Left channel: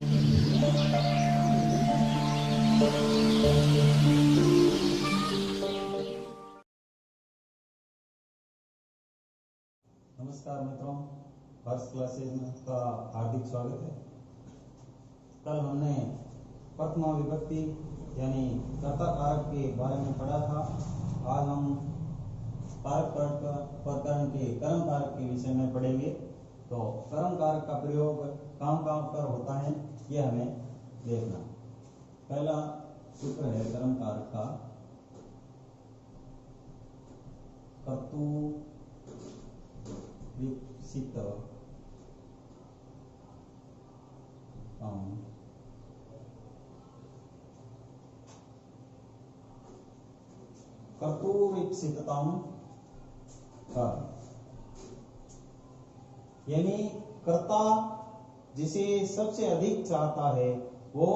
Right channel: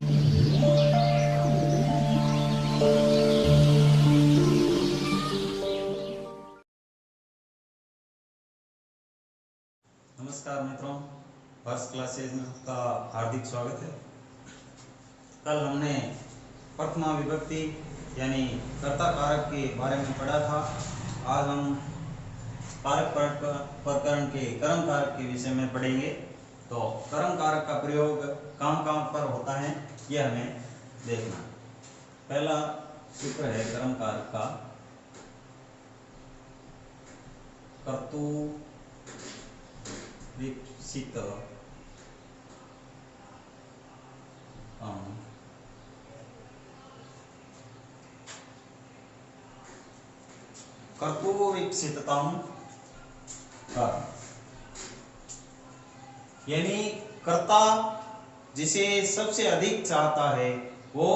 नमस्कार मित्रों, first classes में आपका हार्दिक स्वागत है। कल हमने प्रथमा विभक्ति यानी कर्ता कारक के बारे में पढ़ा था। आज हम कारक प्रकरण के कर्म कारक के विषय में पढ़ेंगे। तो कर्म कारक का प्रयोग कहाँ कहाँ पर होता है यह हमें देखना। पहला सूत्र है कर्म कारक का, कर्तु विकसित कर्तुरीप्सितम् कर्म, यानी कर्ता जिसे सबसे अधिक चाहता है वो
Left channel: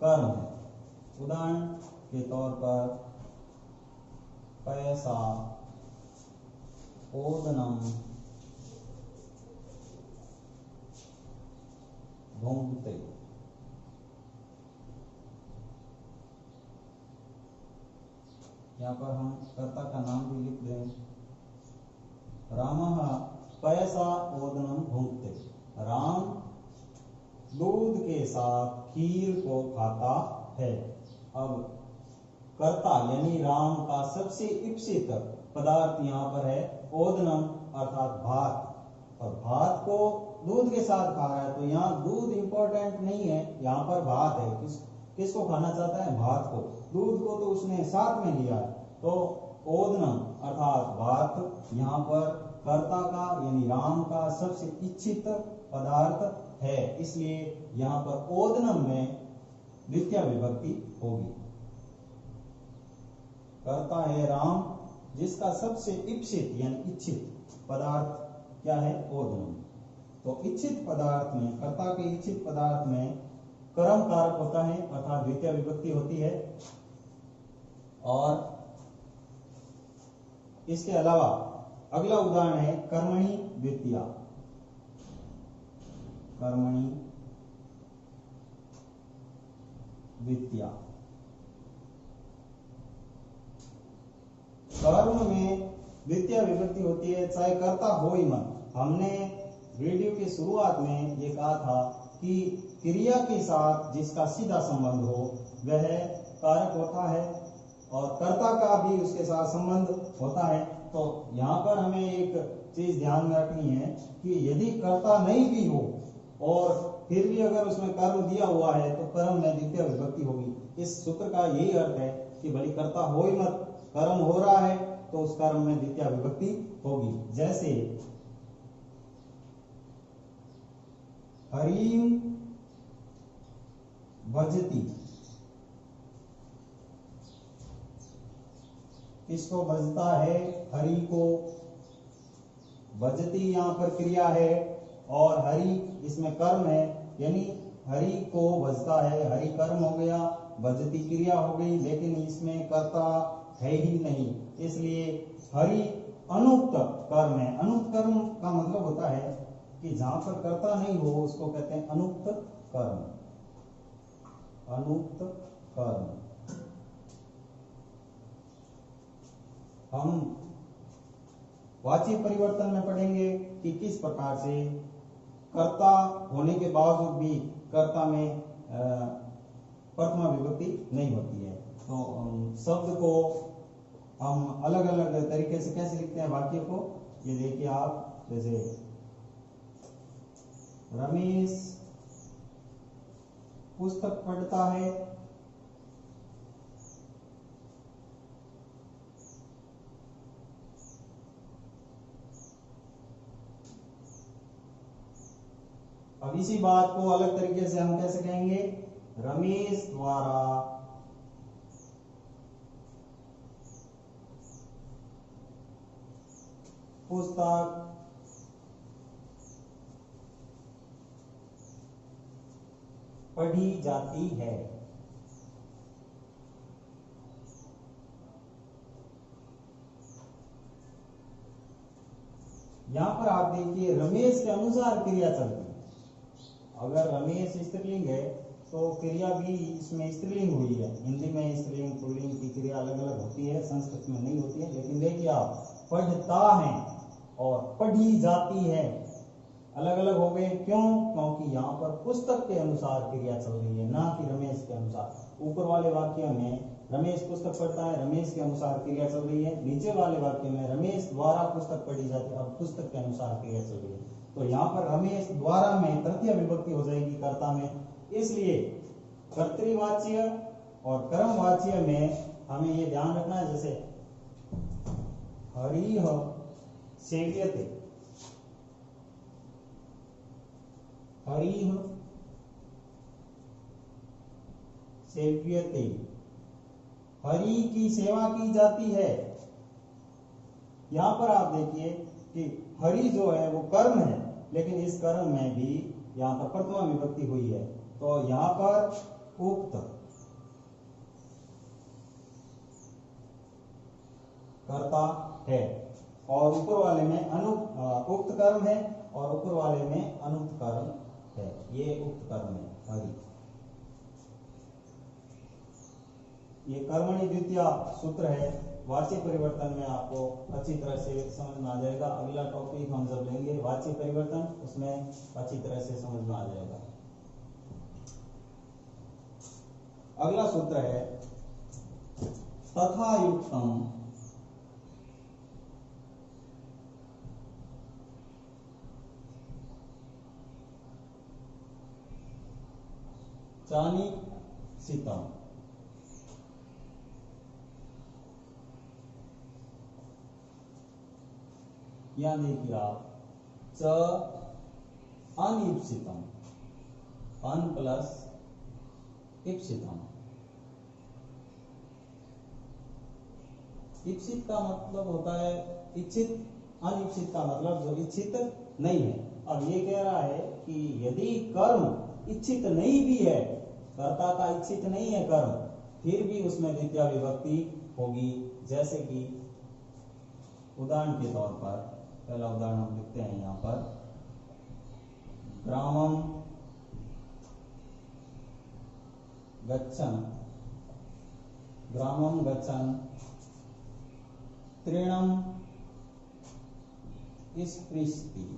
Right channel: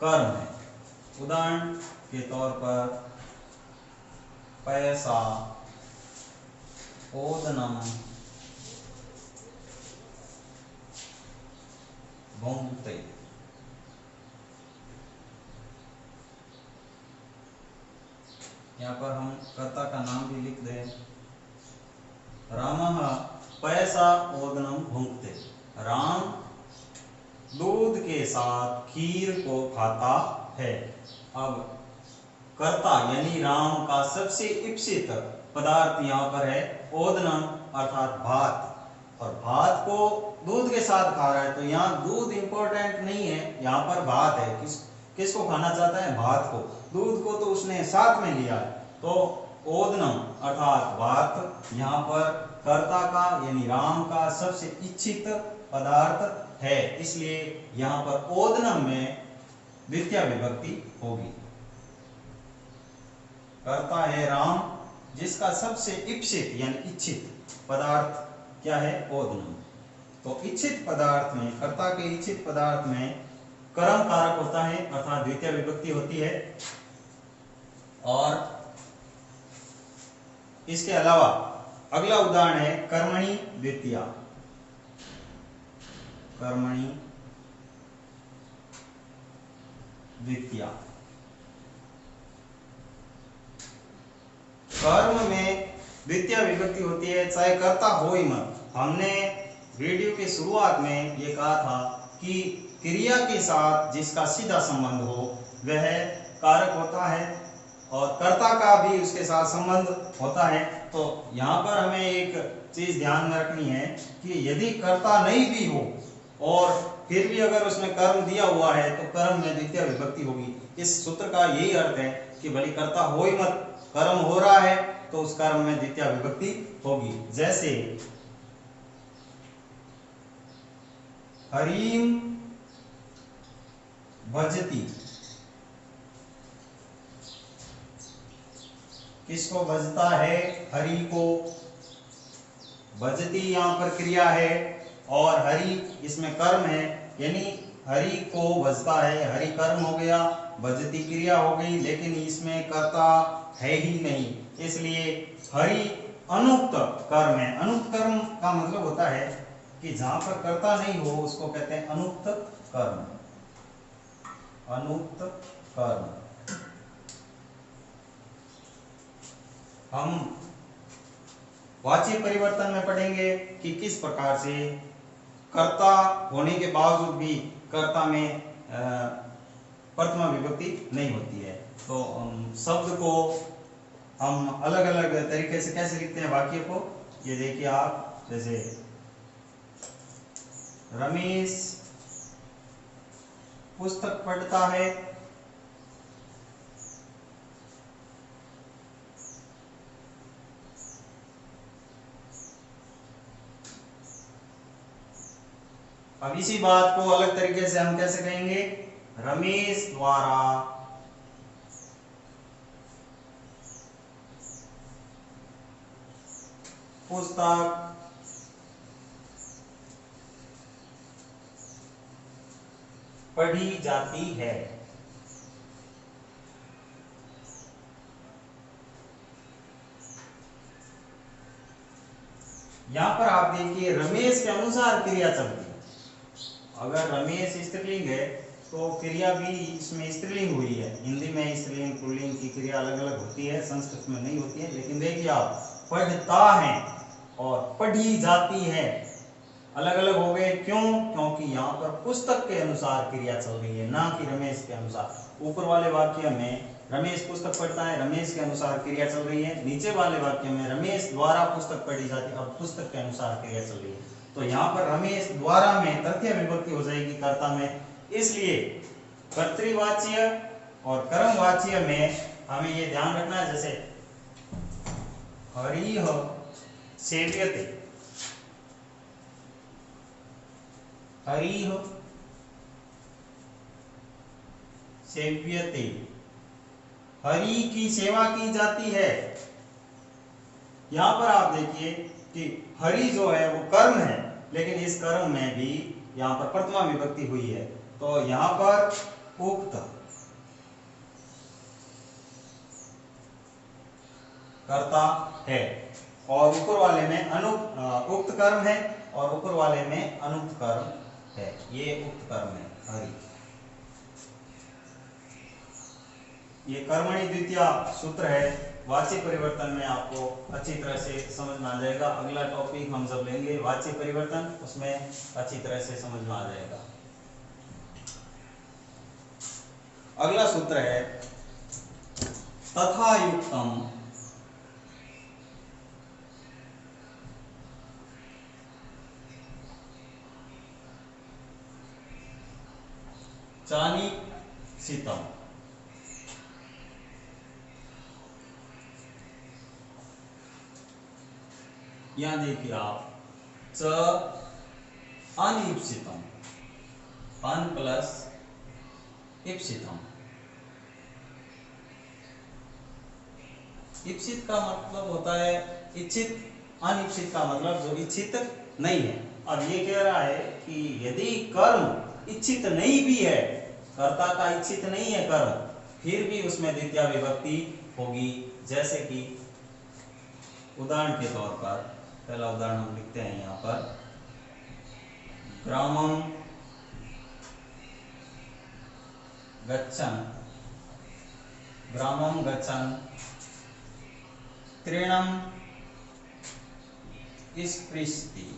कर्म है। उदाहरण के तौर पर पैसा, ओदनम, भुंक्ते। यहाँ पर हम कर्ता का नाम भी लिख दें। रामः पैसा ओदनम भुंक्ते। राम दूध के साथ खीर को खाता है। अब कर्ता यानी राम का सबसे इप्सित पदार्थ यहाँ पर है ओदनम अर्थात भात, और भात को दूध के साथ खा रहा है। तो यहाँ दूध इंपॉर्टेंट नहीं है, यहाँ पर भात है। किसको खाना चाहता है? भात को। दूध को तो उसने साथ में लिया है। तो ओदनम अर्थात भात यहाँ पर कर्ता का यानी राम का सबसे इच्छित पदार्थ है, इसलिए यहाँ पर ओदनम में द्वितीय विभक्ति होगी। कर्ता है राम जिसका सबसे इप्सित यानी इच्छित पदार्थ क्या है? ओदनम। तो इच्छित पदार्थ में, कर्ता के इच्छित पदार्थ में कर्म कारक होता है अर्थात द्वितीय विभक्ति होती है। और इसके अलावा अगला उदाहरण है कर्मणि द्वितीया। कर्मणि द्वितीया, कर्म में द्वितीय विभक्ति होती है चाहे कर्ता हो ही मत। हमने वीडियो की शुरुआत में ये कहा था कि क्रिया के साथ जिसका सीधा संबंध हो वह कारक होता है और कर्ता का भी उसके साथ संबंध होता है। तो यहाँ पर हमें एक चीज ध्यान में रखनी है कि यदि कर्ता नहीं भी हो और फिर भी अगर उसमें कर्म दिया हुआ है तो कर्म में द्वितीय विभक्ति होगी। इस सूत्र का यही अर्थ है कि भले कर्ता हो ही मत, कर्म हो रहा है तो उस कर्म में द्वितीय विभक्ति होगी। जैसे हरिम भजती, किसको भजता है? हरि को। भजती यहाँ पर क्रिया है और हरि इसमें कर्म है, यानी हरि को भजता है, हरि कर्म हो गया, भजती क्रिया हो गई, लेकिन इसमें कर्ता है ही नहीं, इसलिए हरि अनुक्त कर्म है। अनुक्त कर्म का मतलब होता है कि जहां पर कर्ता नहीं हो उसको कहते हैं अनुक्त कर्म। अनुक्त कर्म हम वाची परिवर्तन में पढ़ेंगे कि किस प्रकार से कर्ता होने के बावजूद भी कर्ता में प्रथमा विभक्ति नहीं होती है। तो शब्द को हम अलग अलग तरीके से कैसे लिखते हैं वाक्य को, ये देखिए आप। जैसे रमेश पुस्तक पढ़ता है, अब इसी बात को अलग तरीके से हम कैसे कहेंगे? रमेश द्वारा पुस्तक पढ़ी जाती है। यहां पर आप देखिए रमेश के अनुसार क्रिया चलती है। अगर रमेश स्त्रीलिंग है तो क्रिया भी इसमें स्त्रीलिंग हुई है। हिंदी में स्त्रीलिंग पुल्लिंग की क्रिया अलग अलग होती है, संस्कृत में नहीं होती है। लेकिन देखिए आप, पढ़ता है और पढ़ी जाती है अलग अलग हो गए। क्यों? क्योंकि यहाँ पर पुस्तक के अनुसार क्रिया चल रही है, ना कि रमेश के अनुसार। ऊपर वाले वाक्य में रमेश पुस्तक पढ़ता है, रमेश के अनुसार क्रिया चल रही है। नीचे वाले वाक्य में रमेश द्वारा पुस्तक पढ़ी जाती है, अब पुस्तक के अनुसार क्रिया चल रही है। तो यहाँ पर रमेश द्वारा में तृतीय विभक्ति हो जाएगी कर्ता में। इसलिए कर्तृवाच्य और कर्मवाच्य में हमें ये ध्यान रखना है, जैसे हरिः सेव्यते, हरिः सेव्यते, हरि की सेवा की जाती है। यहां पर आप देखिए कि हरि जो है वो कर्म है, लेकिन इस कर्म में भी यहां पर प्रथमा विभक्ति हुई है। तो यहां पर उक्त कर्ता है और ऊपर वाले में उक्त कर्म है और ऊपर वाले में अनुक्त कर्म है। ये उक्त कर्म है हरि। ये कर्मणि द्वितीय सूत्र है। वाच्य परिवर्तन में आपको अच्छी तरह से समझ में आ जाएगा। अगला टॉपिक हम जब लेंगे वाच्य परिवर्तन, उसमें अच्छी तरह से समझ में आ जाएगा। अगला सूत्र है तथा युक्तम चानिक्षितम। यहां देखिए आप, च अनिप्सितम, अन प्लस इप्सितम। इप्सित का मतलब होता है इच्छित, अनिप्सित का मतलब जो इच्छित नहीं है। अब ये कह रहा है कि यदि कर्म इच्छित नहीं भी है, कर्ता का इच्छित नहीं है कर्म, फिर भी उसमें द्वितीय विभक्ति होगी। जैसे कि उदाहरण के तौर पर पहला उदाहरण हम लिखते हैं यहाँ पर, ग्रामम गच्छन्, ग्रामम गच्छन् तृणम स्पृशति।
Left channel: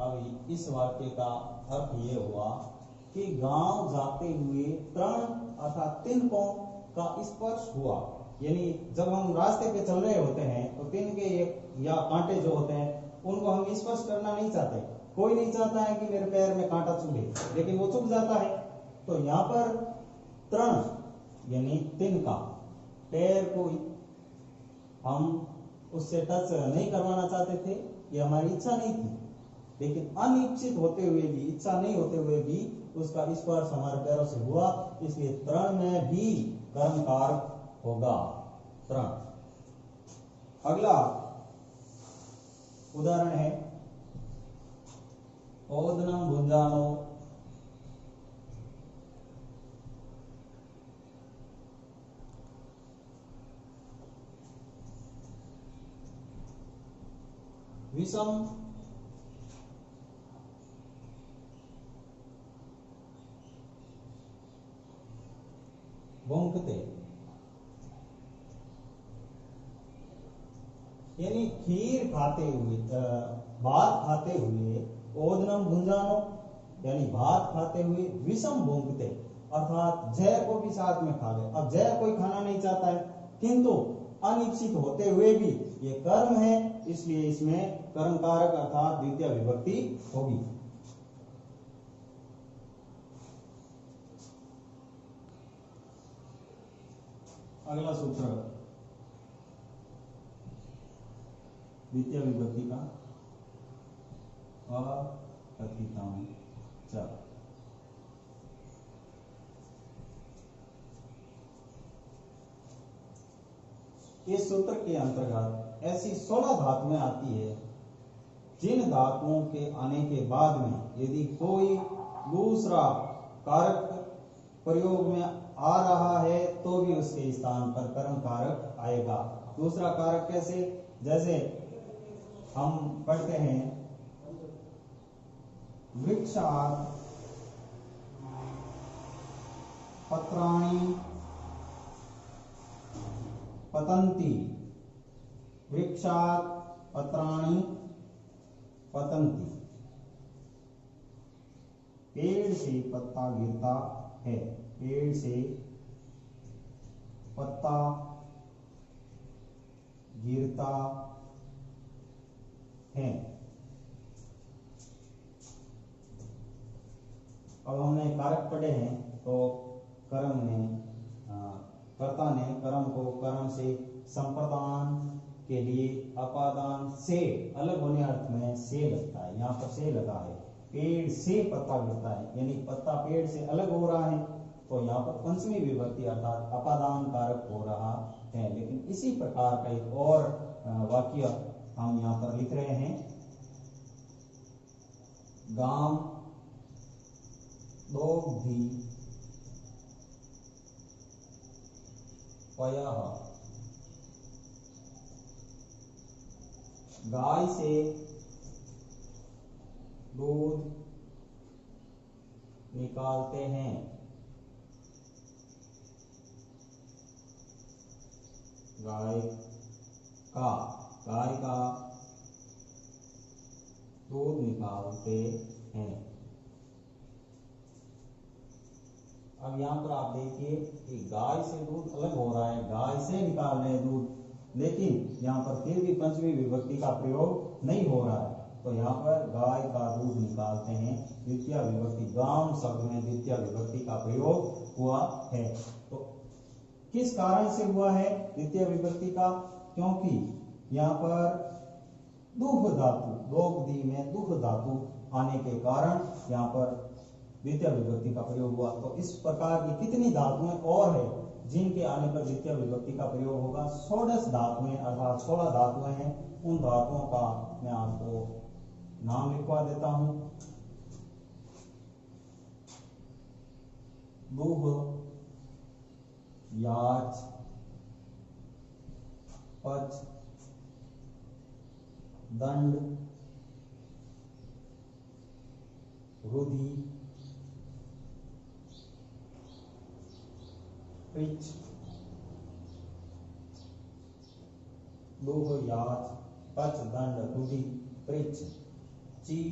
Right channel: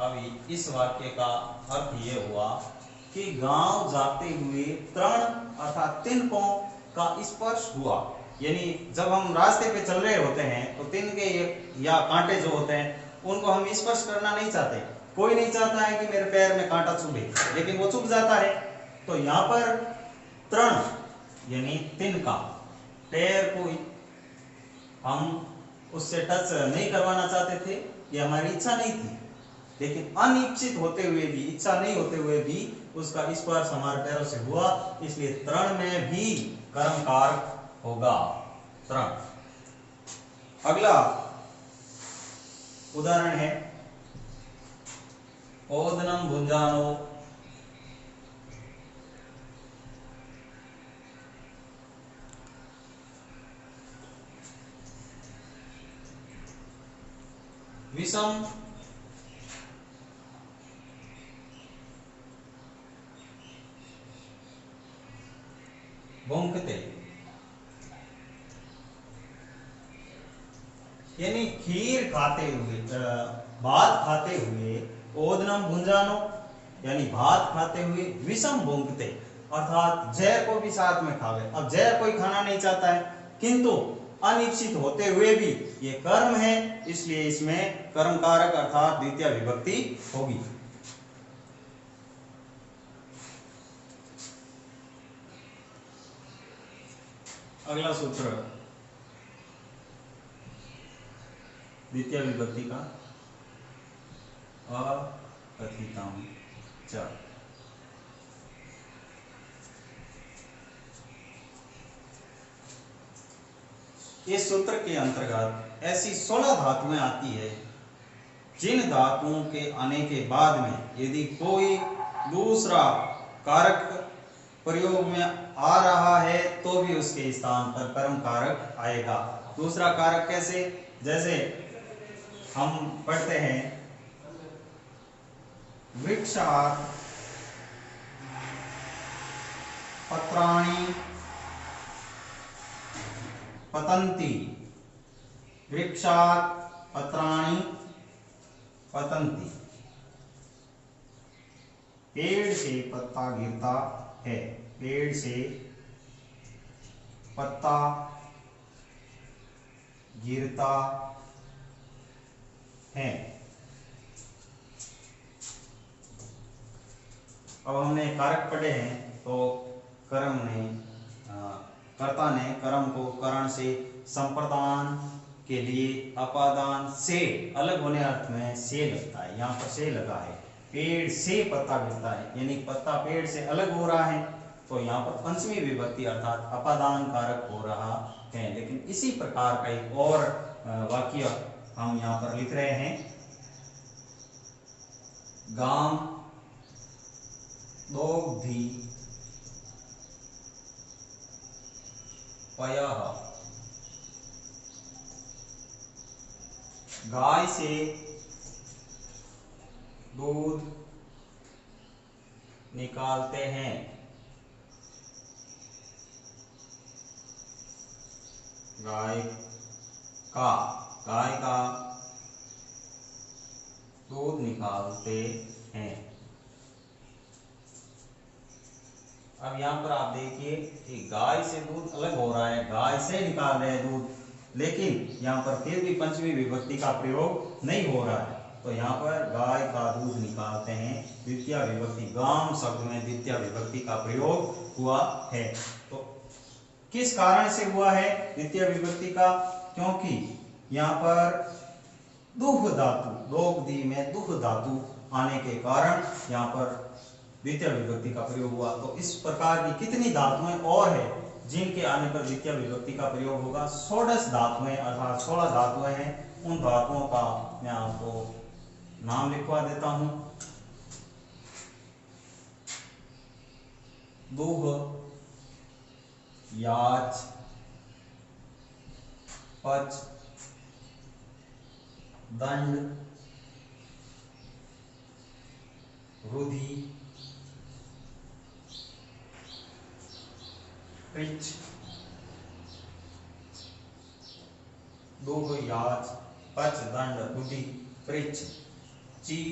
अभी इस वाक्य का अर्थ ये हुआ कि गांव जाते हुए तृण अर्थात तिनकों का स्पर्श हुआ। यानी जब हम रास्ते पे चल रहे होते हैं तो तिनके या कांटे जो होते हैं उनको हम स्पर्श करना नहीं चाहते। कोई नहीं चाहता है कि मेरे पैर में कांटा चुभे, लेकिन वो चुभ जाता है। तो यहाँ पर तृण यानी तिनका, पैर को हम उससे टच नहीं करवाना चाहते थे, ये हमारी इच्छा नहीं थी। लेकिन अनिच्छित होते हुए भी, इच्छा नहीं होते हुए भी उसका स्पर्श हमारे पैरों से हुआ, इसलिए तृण में भी कर्मकार होगा तृण। अगला उदाहरण है ओदनम भुंजानो, विषम भुंक्ते। यानी खीर खाते हुए, भात खाते हुए, ओदनम भुंजानो यानी भात खाते हुए, विषम भुंक्ते अर्थात जहर को भी साथ में खा गए। अब जहर कोई खाना नहीं चाहता है, किंतु अनिश्चित होते हुए भी ये कर्म है, इसलिए इसमें कर्मकारक अर्थात द्वितीय विभक्ति होगी। अगला सूत्र द्वितीय विभक्ति का, अकथितम च। इस सूत्र के अंतर्गत ऐसी 16 धातुएं आती है जिन धातुओं के आने के बाद में यदि कोई दूसरा कारक प्रयोग में आ रहा है तो भी उसके स्थान पर कर्म कारक आएगा। दूसरा कारक कैसे? जैसे हम पढ़ते हैं वृक्षात् पत्राणि पतन्ति। वृक्षात् पत्राणि पतन्ति। पेड़ से पत्ता गिरता है। पेड़ से पत्ता गिरता है। अब हमने कारक पढ़े हैं, तो कर्ता ने कर्म को करण से संप्रदान के लिए अपादान से अलग होने अर्थ में से लगता है। यहाँ पर से लगा है। पेड़ से पत्ता गिरता है यानी पत्ता पेड़ से अलग हो रहा है, तो यहाँ पर पंचमी विभक्ति अर्थात अपादान कारक हो रहा है। लेकिन इसी प्रकार का एक और वाक्य हम यहाँ पर लिख रहे हैं। गाम दोग्धी पयः। गाय से दूध निकालते हैं। गाय का दूध निकालते हैं। अब यहाँ पर आप देखिए कि गाय से दूध अलग हो रहा है, गाय से निकाल रहे हैं दूध, लेकिन यहाँ पर फिर भी पंचमी विभक्ति का प्रयोग नहीं हो रहा है। तो यहाँ पर गाय का दूध निकालते हैं, द्वितीय विभक्ति गाम शब्द में द्वितीय विभक्ति का प्रयोग हुआ है। तो किस कारण से हुआ है द्वितीय विभक्ति का? क्योंकि यहाँ पर दुह धातु, दोग्धी में दुह धातु आने के कारण यहाँ पर द्वितीय विभक्ति का प्रयोग हुआ। तो इस प्रकार की कितनी धातुएं और है जिनके आने पर द्वितीय विभक्ति का प्रयोग होगा? 16 धातुएं अर्थात 16 धातुएं हैं। उन धातुओं का मैं आपको नाम लिखवा देता हूं। दुह, याच, पच, दंड, रुधि, पृच्छ, दुह, याच, पच, दंड, रुधि, पृच्छ, ची,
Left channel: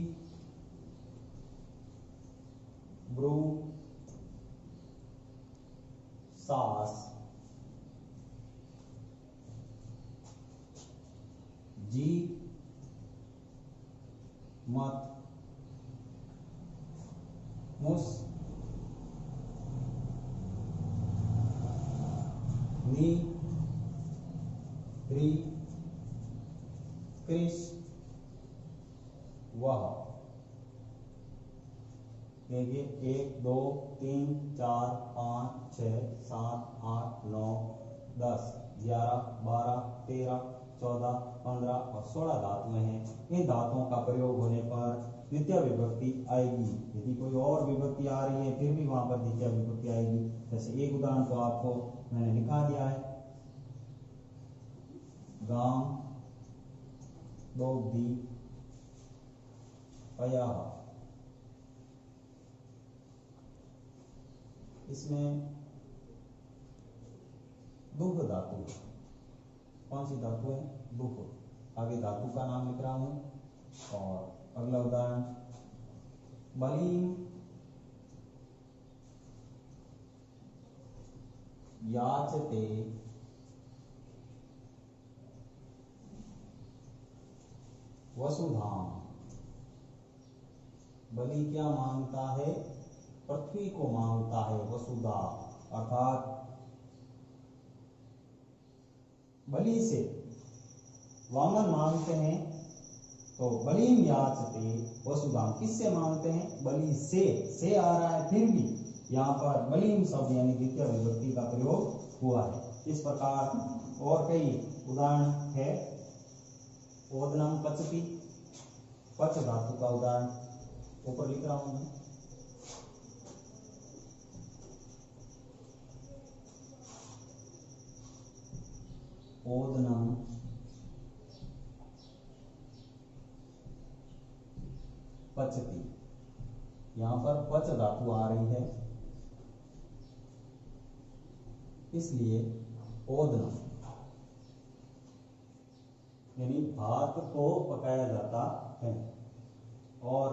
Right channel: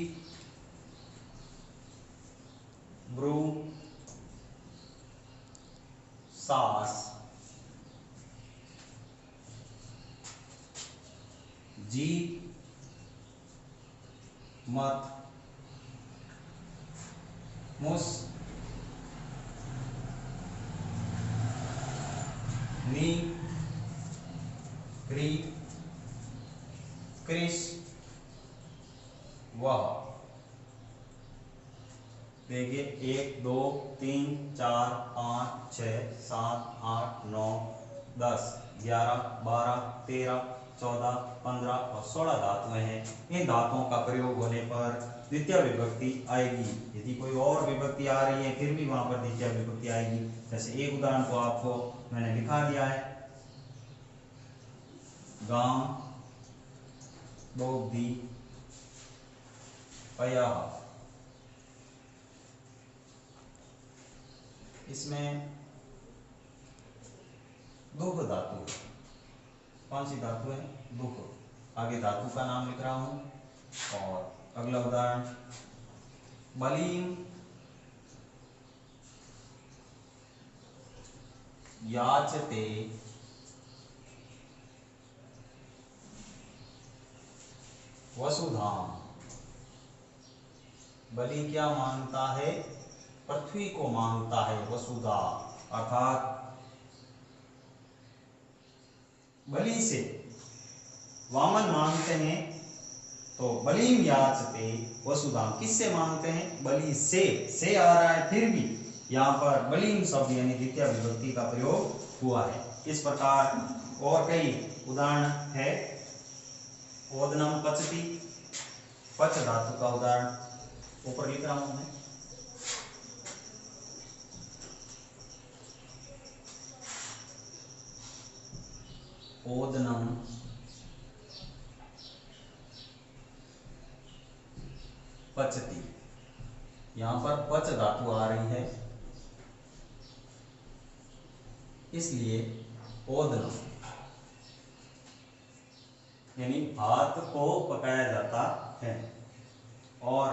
ब्रू, सास, जी, मत, मुस, नी, री, कृष, वह। देखिए 1 2 3 4 5 6 7 8 9 10 11 12 13 14 15 और 16 धातुएं हैं। इन धातुओं का प्रयोग होने पर द्वितीय विभक्ति आएगी। यदि कोई और विभक्ति आ रही है फिर भी वहां पर द्वितीय विभक्ति आएगी। जैसे एक उदाहरण को आपको मैंने लिखा दिया है। गाम दोग्धी पयः। इसमें दुह धातु, कौन सी धातु है? दुह। आगे धातु का नाम लिख रहा हूं। और अगला उदाहरण, बलीम याचते वसुधाम। बलि क्या मांगता है? पृथ्वी को मांगता है। वसुधा अर्थात बलि से वामन मांगते हैं। तो बलिम याचते वसुधाम किससे मांगते हैं? बलि से आ रहा है, फिर भी यहाँ पर बलिम शब्द यानी द्वितीय विभक्ति का प्रयोग हुआ है। इस प्रकार और कई उदाहरण है। ओदनम पचती, पच धातु का उदाहरण ऊपर लिख रहा हूं मैं। ओदनम पचती। यहाँ पर पच धातु आ रही है, इसलिए ओदनम, यानी भात को पकाया जाता है। और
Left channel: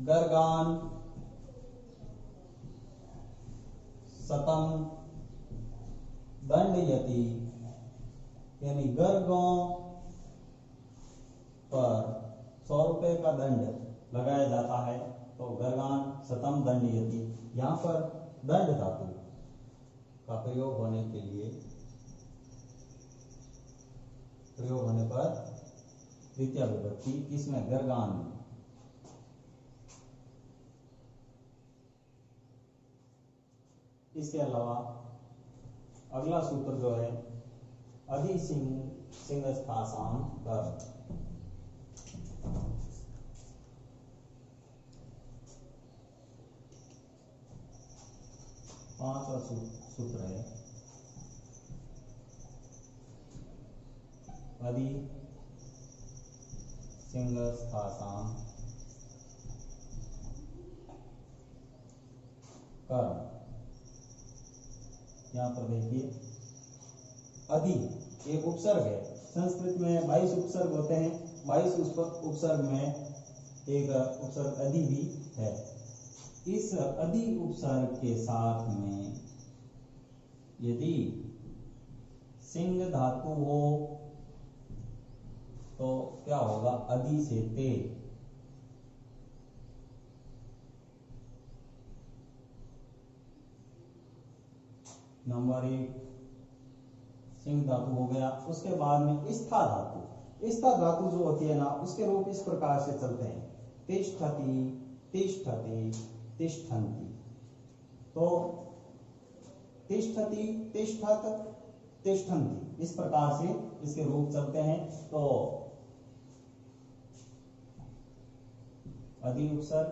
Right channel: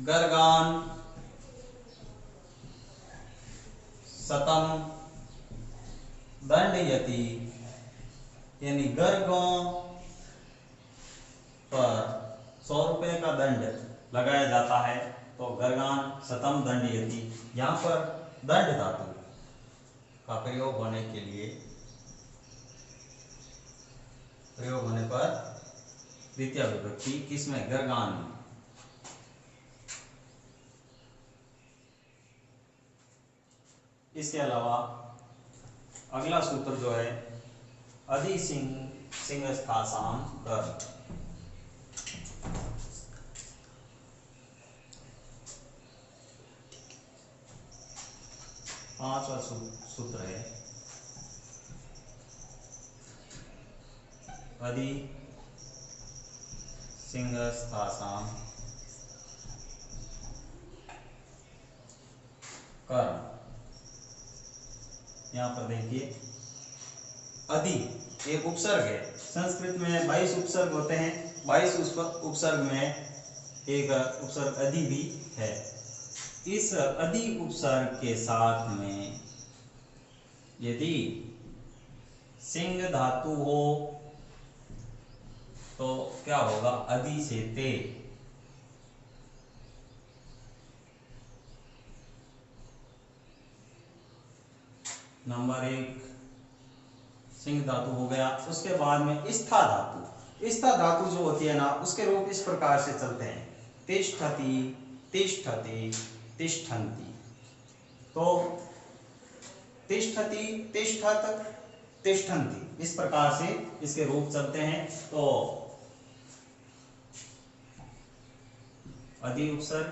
गर्गान शतम दंडयति, यानी गर्गों पर 100 रुपए का दंड लगाया जाता है। तो गर्गान शतम दंडयति, यहाँ पर दंड धातु का प्रयोग होने के लिए, प्रयोग होने पर द्वितीय विभक्ति किसमें, गर्गान में। इसके अलावा अगला सूत्र जो है अधि सिंहस्थासाम कर, पांचवा सूत्र है अधि सिंहस्थासाम कर। यहाँ पर देखिए अधि एक उपसर्ग है। संस्कृत में 22 उपसर्ग होते हैं, 22 उपसर्ग में एक उपसर्ग अधि भी है। इस अधि उपसर्ग के साथ में यदि सिंह धातु हो तो क्या होगा, अधि से ते। नंबर 1 सिंह धातु हो गया। उसके बाद में स्था धातु, स्था धातु जो होती है ना, उसके रूप इस प्रकार से चलते हैं, तिष्ठति तिष्ठति तिष्ठन्ति। तो तिष्ठति तिष्ठत तिष्ठन्ति, इस प्रकार से इसके रूप चलते हैं। तो अधि उपसर्ग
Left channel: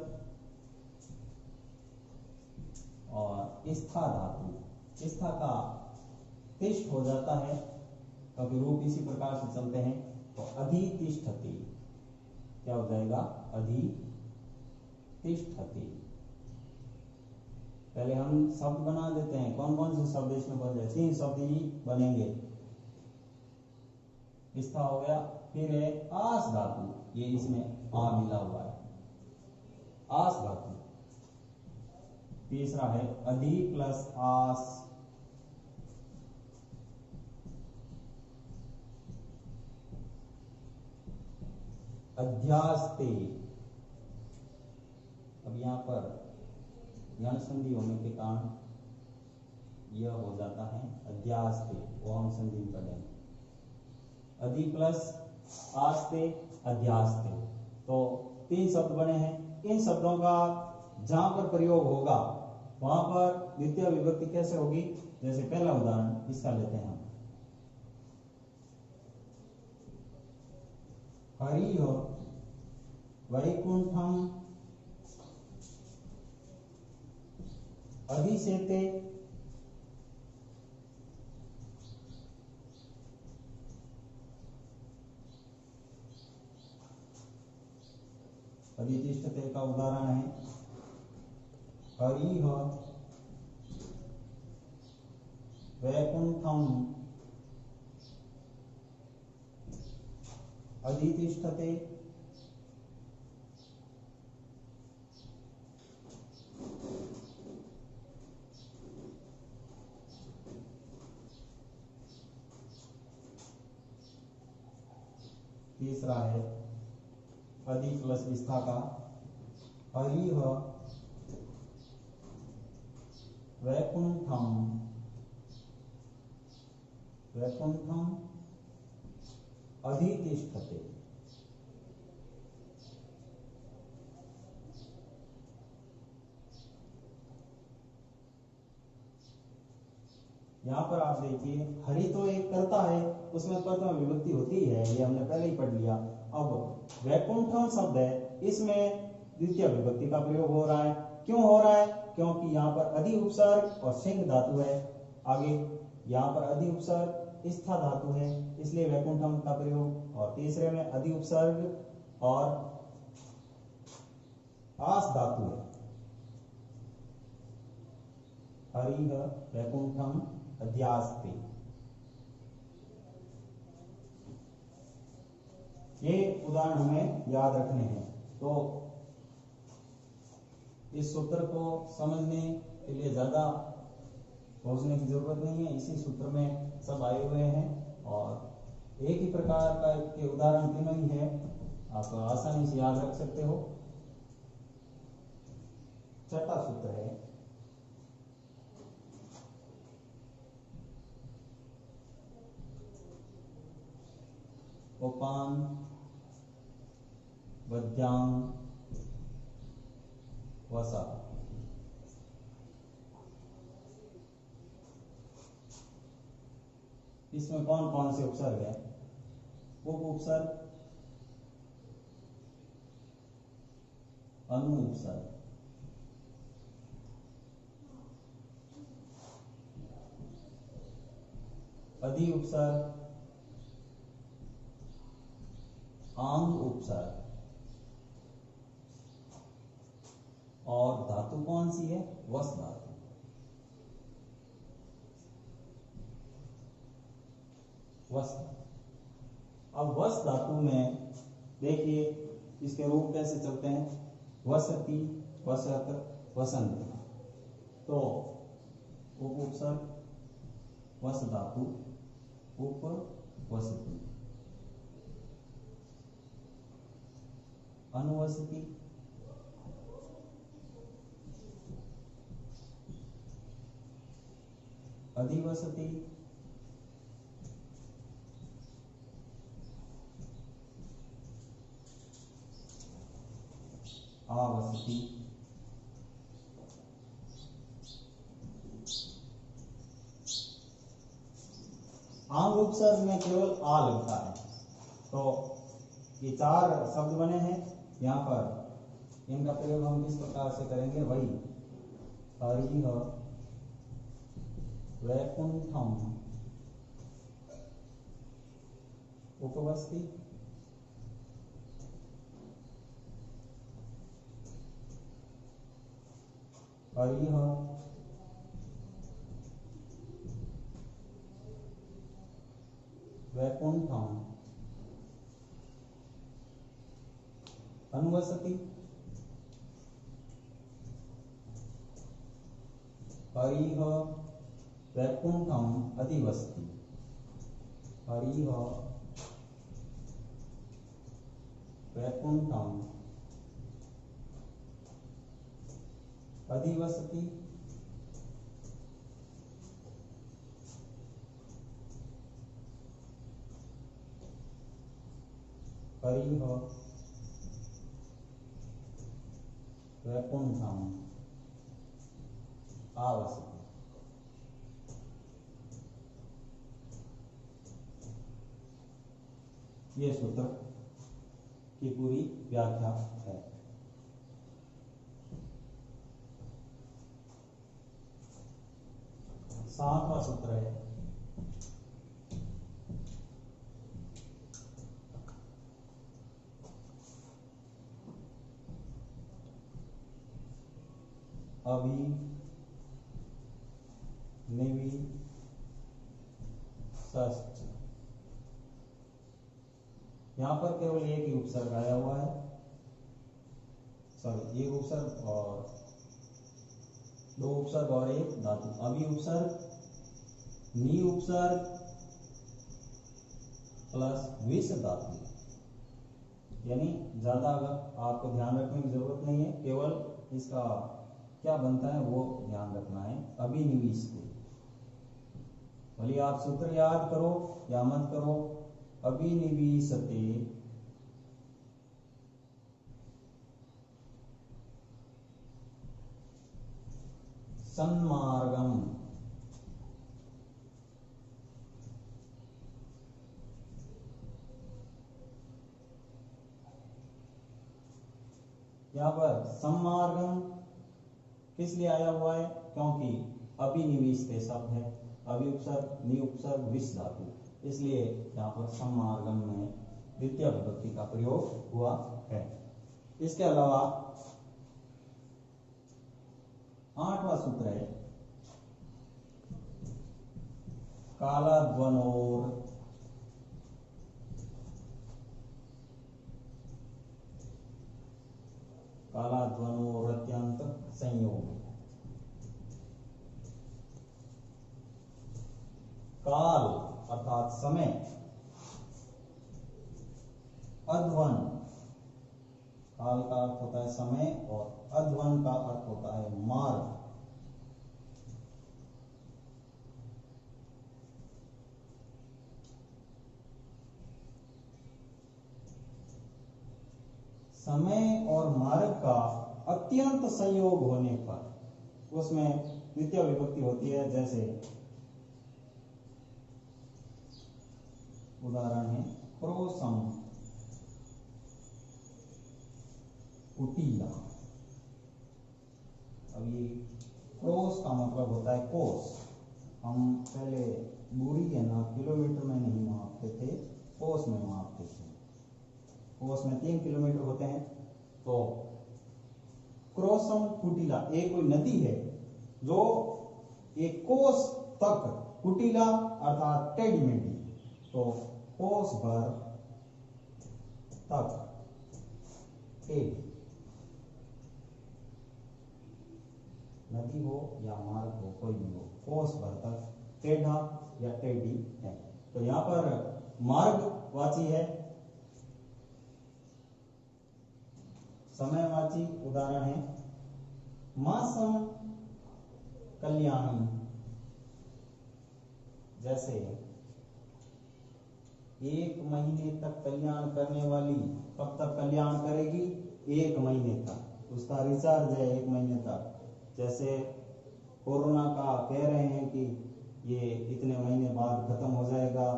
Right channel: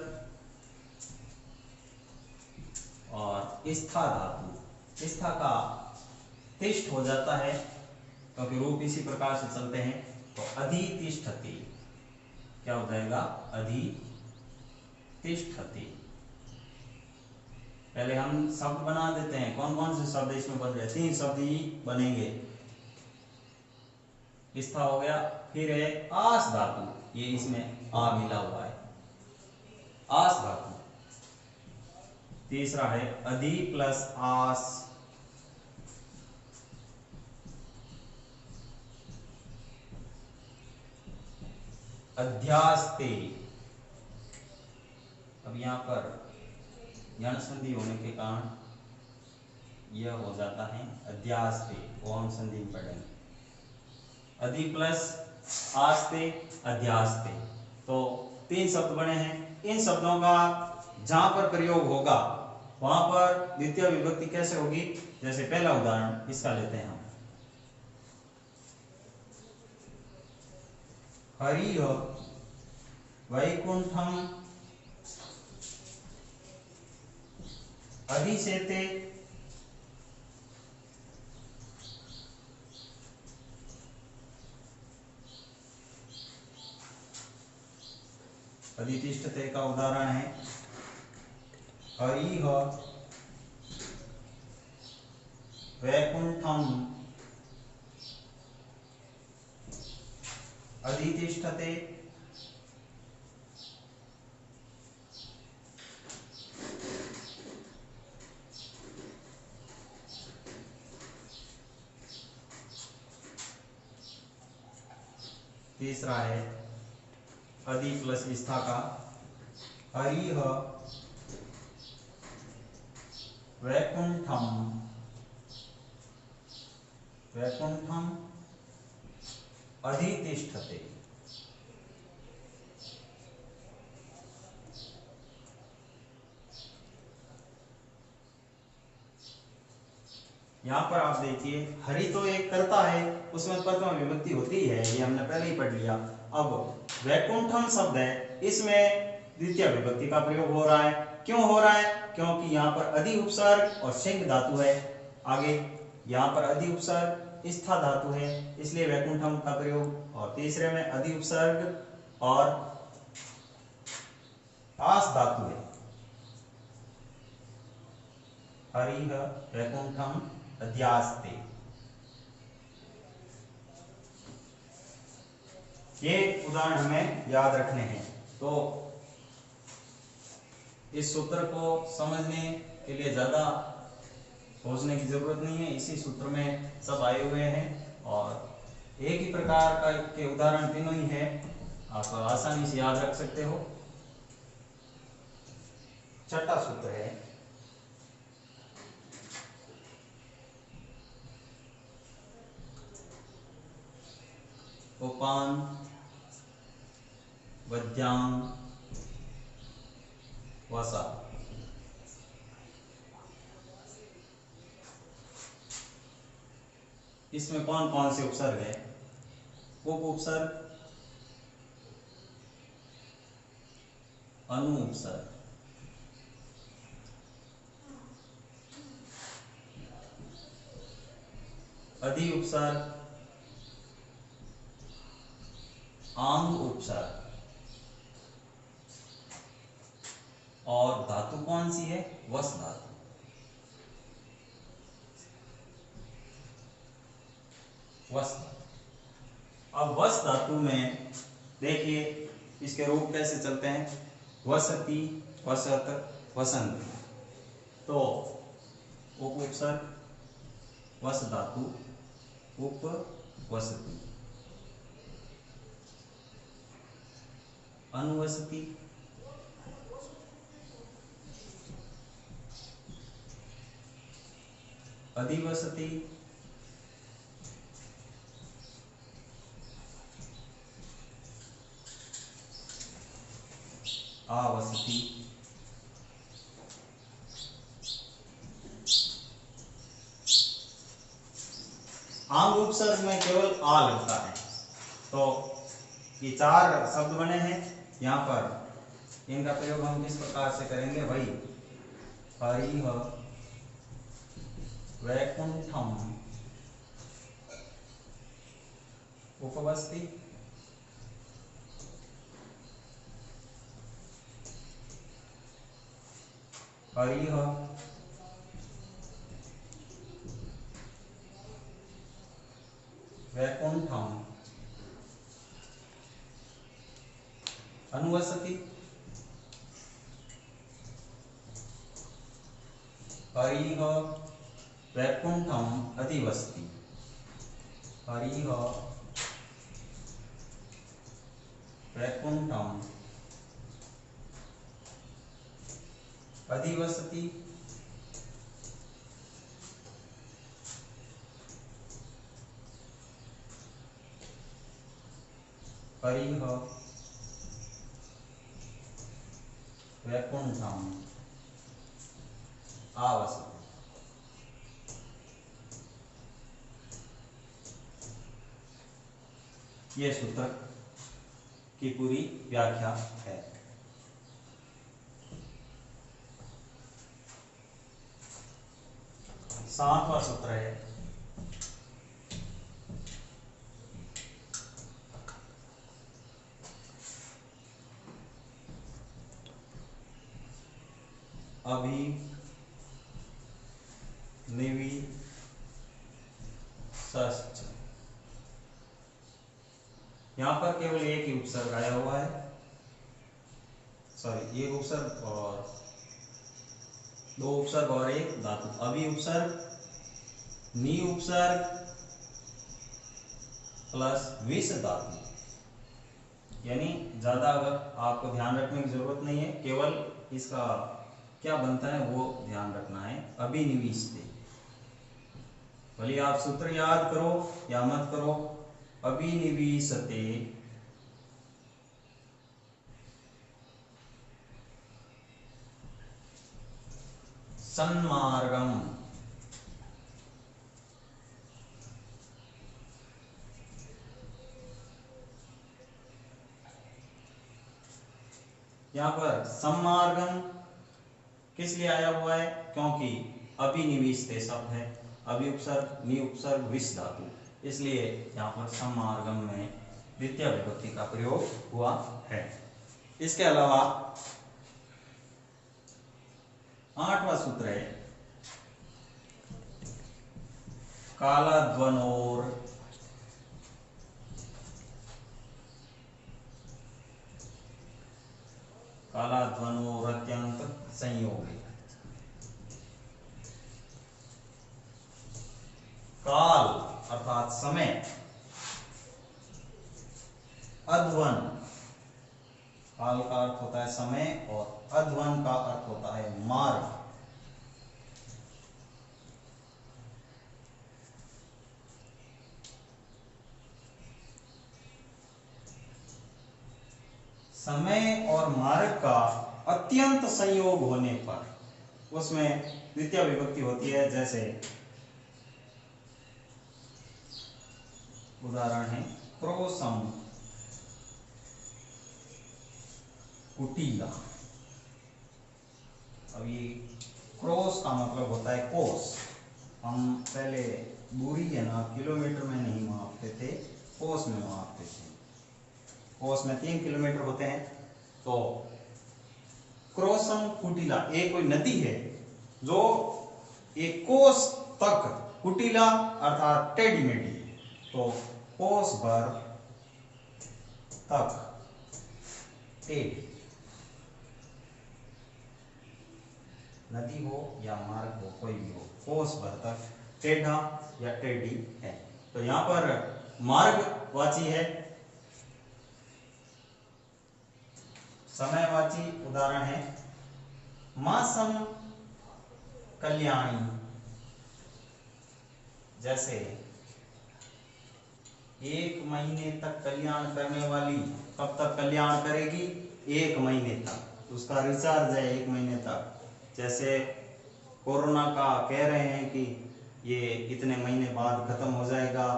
और स्था धातु, स्था का तिष्ठ हो जाता है क्योंकि रूप इसी प्रकार से चलते हैं। तो अधि तिष्ठति क्या हो जाएगा, अधि तिष्ठति। पहले हम शब्द बना देते हैं, कौन कौन से शब्द इसमें बन रहे, 3 शब्द ही बनेंगे। स्था हो गया, फिर है आस धातु, ये इसमें आ मिला हुआ है, आस धातु। तीसरा है अधि प्लस आस, अध्यास्ते। अब यहाँ पर यण संधि होने के कारण यह हो जाता है अध्यास्ते, वो हम संधि में पढ़ेंगे। अधि प्लस आस्ते अध्यास्ते, तो 3 शब्द बने हैं। इन शब्दों का जहां पर प्रयोग होगा वहां पर द्वितीय विभक्ति कैसे होगी, जैसे पहला उदाहरण इसका लेते हैं हम, हरिः वैकुंठम अधिसेते, अधितिष्ठते का उदाहरण है हरिः वैकुंठम अधितिष्ठते। तीसरा है अधि प्लस स्था का, हरिः वैकुंठम वैकुंठम अधितिष्ठते। यहाँ पर आप देखिए हरि तो एक कर्ता है, उसमें प्रथम विभक्ति होती है, ये हमने पहले ही पढ़ लिया। अब वैकुंठम शब्द है, इसमें द्वितीय विभक्ति का प्रयोग हो रहा है। क्यों हो रहा है, क्योंकि यहाँ पर अधि उपसर्ग और सिंह धातु है। आगे यहाँ पर अधि उपसर्ग स्था धातु है, इसलिए वैकुंठम का प्रयोग। और तीसरे में अधि उपसर्ग और आस धातु है। हरिः वैकुंठम अध्यास्ते। ये उदाहरण हमें याद रखने हैं। तो इस सूत्र को समझने के लिए ज्यादा सोचने की जरूरत नहीं है, इसी सूत्र में सब आए हुए हैं और एक ही प्रकार का के उदाहरण तीनों ही है, आप आसानी से याद रख सकते हो। छठा सूत्र है उपान वद्यांग वसा। इसमें कौन कौन से उपसर्ग है? उप उपसर्ग, अनु उपसर्ग, अधि उपसर्ग, आंग उपसर्ग और धातु कौन सी है? वस धातु। वस। अब वस धातु में देखिए इसके रूप कैसे चलते हैं। वसति, वसत, वसंत। तो उप उपसर्ग, वस धातु, उप वसति, अनुवसति, अधिवसति, आवसति, आंग उपसर्ग में केवल आ लगता है। तो ये चार शब्द बने हैं, यहाँ पर इनका प्रयोग हम किस प्रकार से करेंगे भाई? हरिः वैकुंठम उपवसति, हरिः वैकुंठम अनुवसति, हरिः वैकुंठम अधिवसति, हरिः वैकुंठम अधिवसति, हरिः वैकुंठम आवसति। ये सूत्र की पूरी व्याख्या है। सातवां सूत्र है अभी निवी षष्ठ। यहां पर केवल एक ही उपसर्ग आया हुआ है, सॉरी एक उपसर्ग और दो उपसर्ग और एक धातु। अभी उपसर्ग, नी उपसर्ग प्लस विस धातु, यानी ज्यादा अगर आपको ध्यान रखने की जरूरत नहीं है, केवल इसका क्या बनता है वो ध्यान रखना है। अभिनिविष्टे, भले आप सूत्र याद करो या मत करो, अभिनिविशते सन्मार्गम। यहां पर सम्मार्गम किस लिए आया हुआ है? क्योंकि अभिनिविष्टे शब्द है, अभी उपसर्ग, नी उपसर्ग, विस धातु, इसलिए यहाँ पर सम्मार्गम में द्वितीय विभक्ति का प्रयोग हुआ है। इसके अलावा 8वां सूत्र है कालाध्वनोर अत्यंत संयोग है। काल अर्थात समय, अध्वन, काल का अर्थ होता है समय और अध्वन का अर्थ होता है मार्ग। समय और मार्ग का अत्यंत संयोग होने पर उसमें द्वितीय विभक्ति होती है। जैसे उदाहरण है क्रोसम कुटीला। अब ये क्रोस का मतलब होता है कोस। हम पहले दूरी है ना किलोमीटर में नहीं मापते थे, कोस में मापते थे। कोस में 3 किलोमीटर होते हैं। तो क्रोसम कुटीला एक कोई नदी है जो एक कोस तक, कुटीला अर्थात टेढ़ी मेढ़ी, तो कोस भर तक टेढ़ी, नदी हो या मार्ग हो कोई भी हो, कोस भर तक टेढ़ा या टेढ़ी है। तो यहां पर मार्गवाची है। समयवाची उदाहरण है मासम कल्याणी। जैसे 1 महीने तक कल्याण करने वाली, कब तक कल्याण करेगी? 1 महीने तक। उसका रिचार्ज है 1 महीने तक। जैसे कोरोना का कह रहे हैं कि ये इतने महीने बाद खत्म हो जाएगा,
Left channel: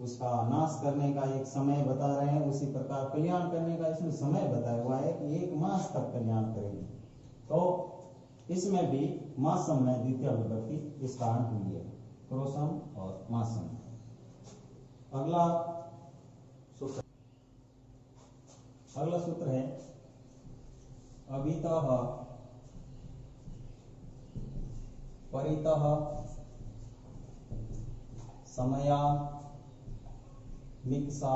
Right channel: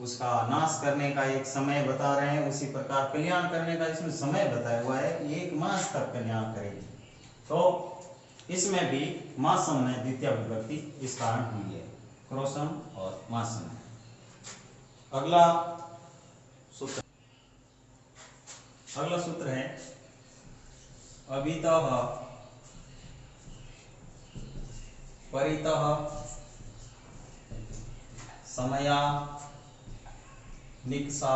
उसका नाश करने का एक समय बता रहे हैं। उसी प्रकार कल्याण करने का इसमें समय बताया हुआ है कि 1 मास तक कल्याण करेगी। तो इसमें भी मासम में द्वितीय विभक्ति इस कारण हुई है, क्रोसम और मासम। अगला सूत्र है अभितः परितः समया निक्सा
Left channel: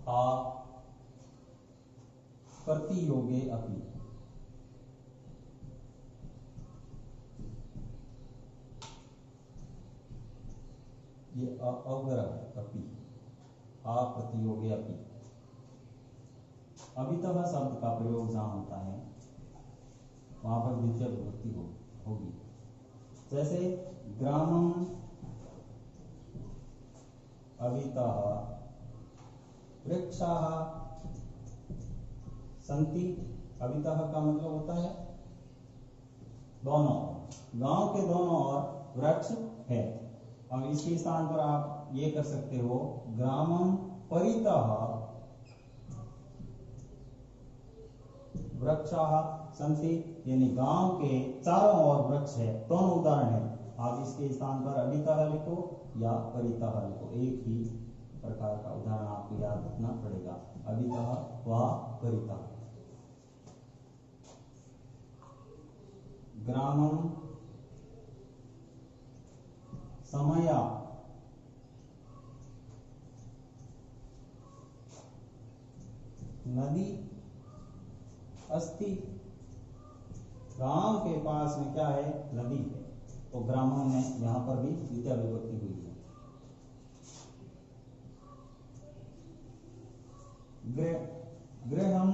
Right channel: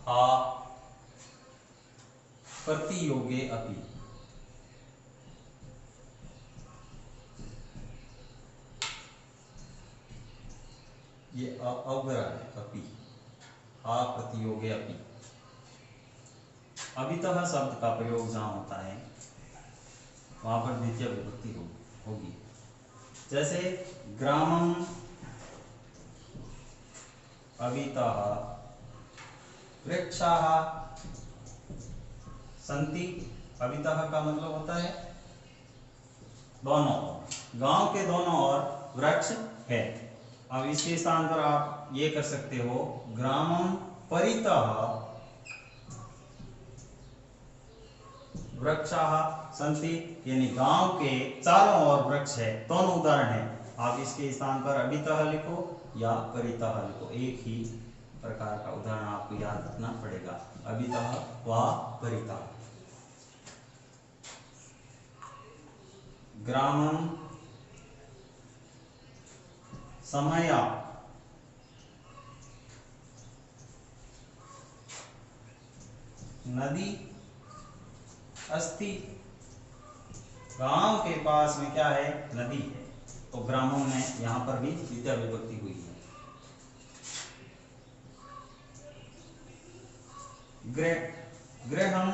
था प्रतियोगे अपि। ये अवग्रह है, अपि, हा प्रतियोगे अपि। अभितः शब्द का प्रयोग जहां होता है वहां पर द्वितीय विभक्ति होगी। जैसे ग्रामम अभितः वृक्षाः सन्ति। अभितः का मतलब होता है दोनों, गांव के दोनों ओर वृक्ष है। अब इसके स्थान पर आप ये कर सकते हो ग्रामम परितः वृक्षाः सन्ति, यानी गांव के चारों ओर वृक्ष है। दोनों उदाहरण है। आप इसके स्थान पर अभितः लिखो या परितः लिखो, एक ही प्रकार का उदाहरण आपको याद रखना पड़ेगा, अभितः व परितः। ग्रामम समया नदी अस्ति। गांव के पास में क्या है? नदी है। तो ग्रामों में यहां पर भी द्वितीय विभक्ति हुई है। गृहम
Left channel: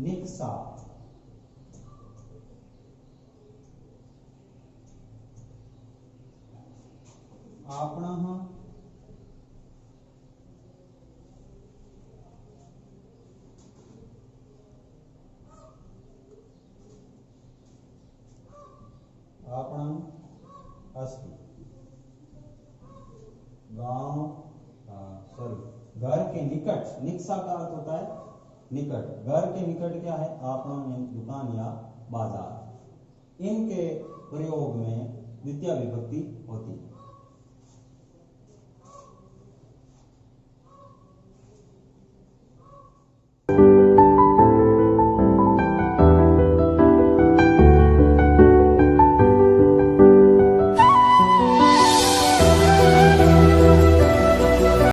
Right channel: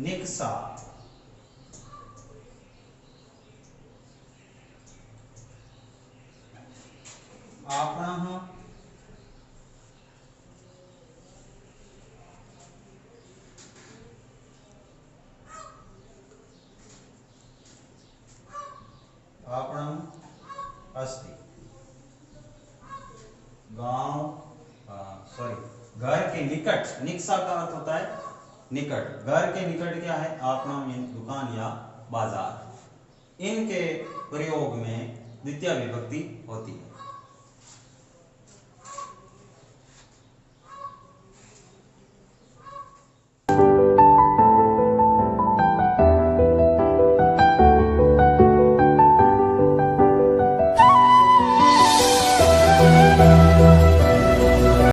निक्सा आपणः आपणम अस्ति। गांव घर के निकट, निक्सा का अर्थ होता है निकट। घर के निकट क्या है? आपणम यानी दुकान या बाजार। इनके प्रयोग में द्वितीय विभक्ति होती है।